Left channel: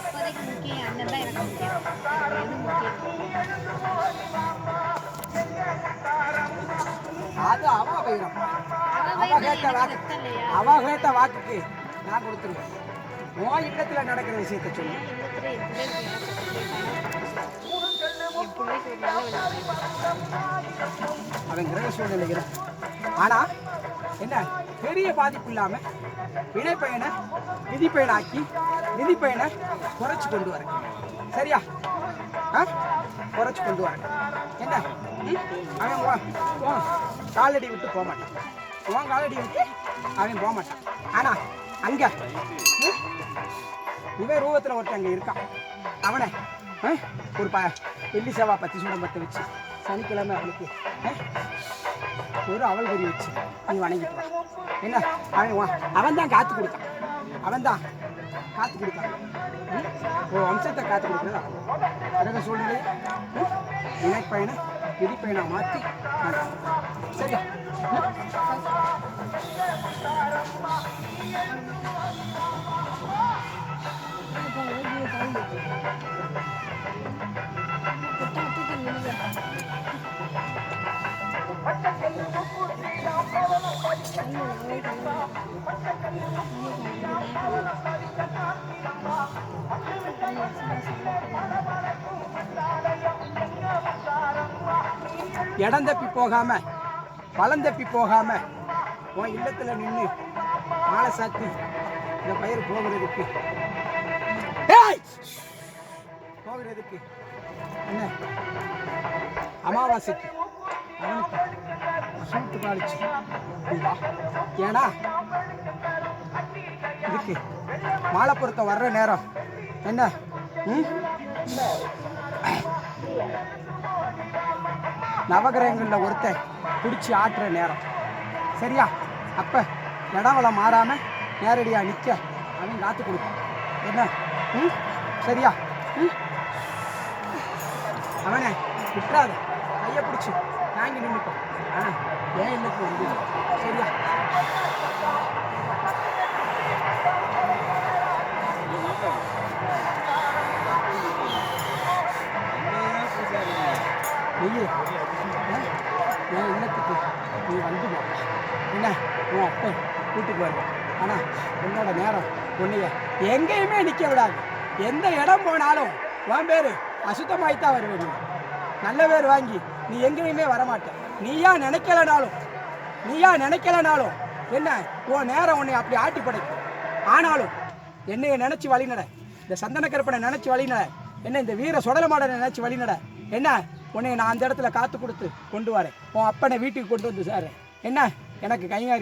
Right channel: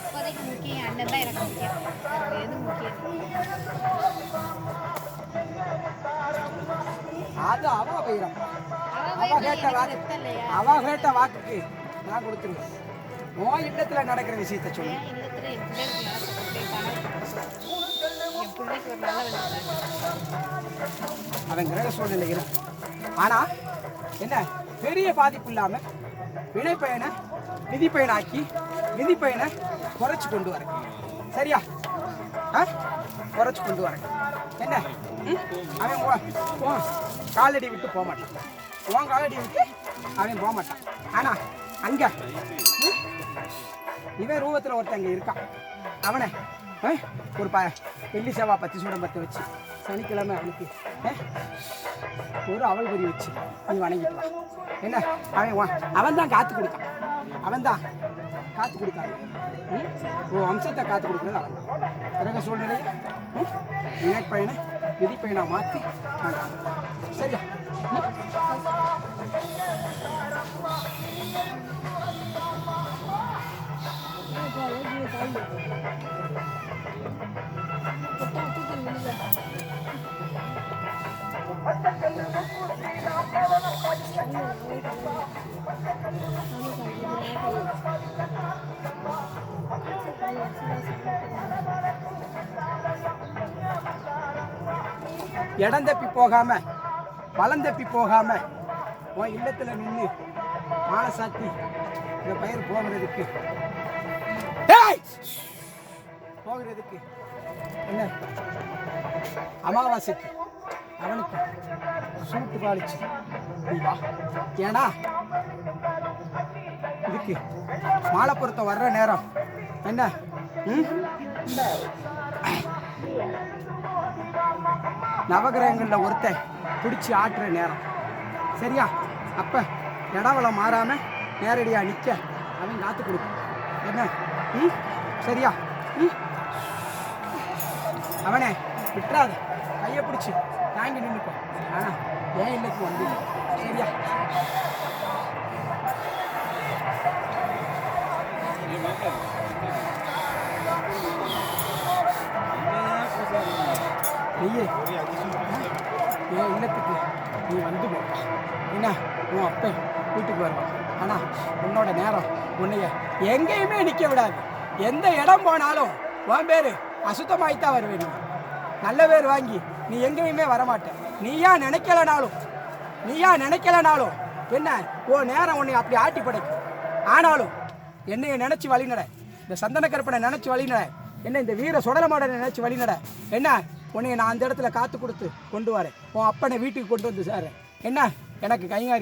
இப்போதைக்கு முக்கியம் அண்ணன் தான் எனக்கு முக்கியம். எது முக்கியம்? அது அவ போயிடும். அவ கேட்ட வாக்குக்கு நான் கொடுத்துருவேன். உன் இல்லத்துல நடக்கிற விஷயத்த சொல்லு. என் பிள்ளைக்கு ஒரு நல்ல வழி. அவன் கிரக சூழ்நிலைகள் ஆனா என்ன பெரிய பாதிப்பு இல்லாம வினைப்பயனை விதிப்பயனாக்கி விதிப்பயனை குறைச்சு கொண்டு வரேன். சரியா? குறைச்சு கொண்டு வரேன். என்ன அவன் காலடி விட்டு போக மாட்டான். உன் காலடி விட்டு அவன் போக மாட்டான். ஆனா அங்க இவன் ரூபத்தில் ஒருத்தன் அங்கே இருக்கான். அவனை ஒரு வெள்ளி செவ்வா பத்தி சூடம் பற்ற வச்சு சனிக்கிழமை அவனுக்கு ஒரு அவல் பொறி வச்சு நீ வணங்கிட்டு வா. என்ன அவன் தான் காத்து கொடுக்கான். அவன் தான் காத்து கொடுக்காங்க. ஒரு வம்சத்தை காத்து கொடுக்குறது அவன் தான். பிறகு சூழ்நிலையை வினைப்பயனை விதிப்பயனை மாற்றி நான் காப்பேன். சரியா? இடம் தப்பி போகாம பழம் தப்பி போகாம உன் இல்லத்துல நின்று மாலை சாத்தி இந்த பயிர் போகிறதுக்கு என்ன அமாவாசைக்கு அவனுக்கு சூட்டு பாலிச்சு வா. ஏன்னா இதுக்கு மாலை பொருத்தம் வர்ற நேரம் என்ன நவகிரகங்களில் ஒருத்தன் பிடிச்சி ஆட்டுற நேரம். சரியா? அப்போ இடவளம் மாறாம நேரடியாக நிற்க அவன் காத்து கொடுக்கும். என்ன சரியா? அவனை விட்டுறாத, கையை பிடிச்சி தாங்கி நின்றுக்கும். ஆனால் ஏன் இல்லைக்கு வந்து. சரியா? நீயே என் இல்லத்துக்கு நீ வந்து போப்பா. என்ன உன் அப்பன் வீட்டுக்கு வருவான். ஆனால் உன்னோட நேரம் உன்னைய எங்கேயுமே நிற்க விடாது. எந்த இடம் போனாலும் உன் பேர் அசுத்தமாயித்தான் வருவேன். நீ நல்ல பேர் வாங்கி நீ எங்கேயுமே வரமாட்ட. நீயா நினைக்கலனாலும் என்ன உன் நேரம் உன்னை அப்படி ஆட்டி படைக்கும். ஆனாலும் என்னைய நினச்சி வழிநட, இந்த சந்தன கருப்பனை நினச்சி வழிநட, என்ன இந்த வீர சுடலமாடனை நினச்சி வழிநட. என்ன உன்னை நான் அந்த இடத்துல காத்து கொடுத்து கொண்டு வரேன். உன் அப்பனை வீட்டுக்கு கொண்டு வந்து சார். என்ன எனக்கு கையாரி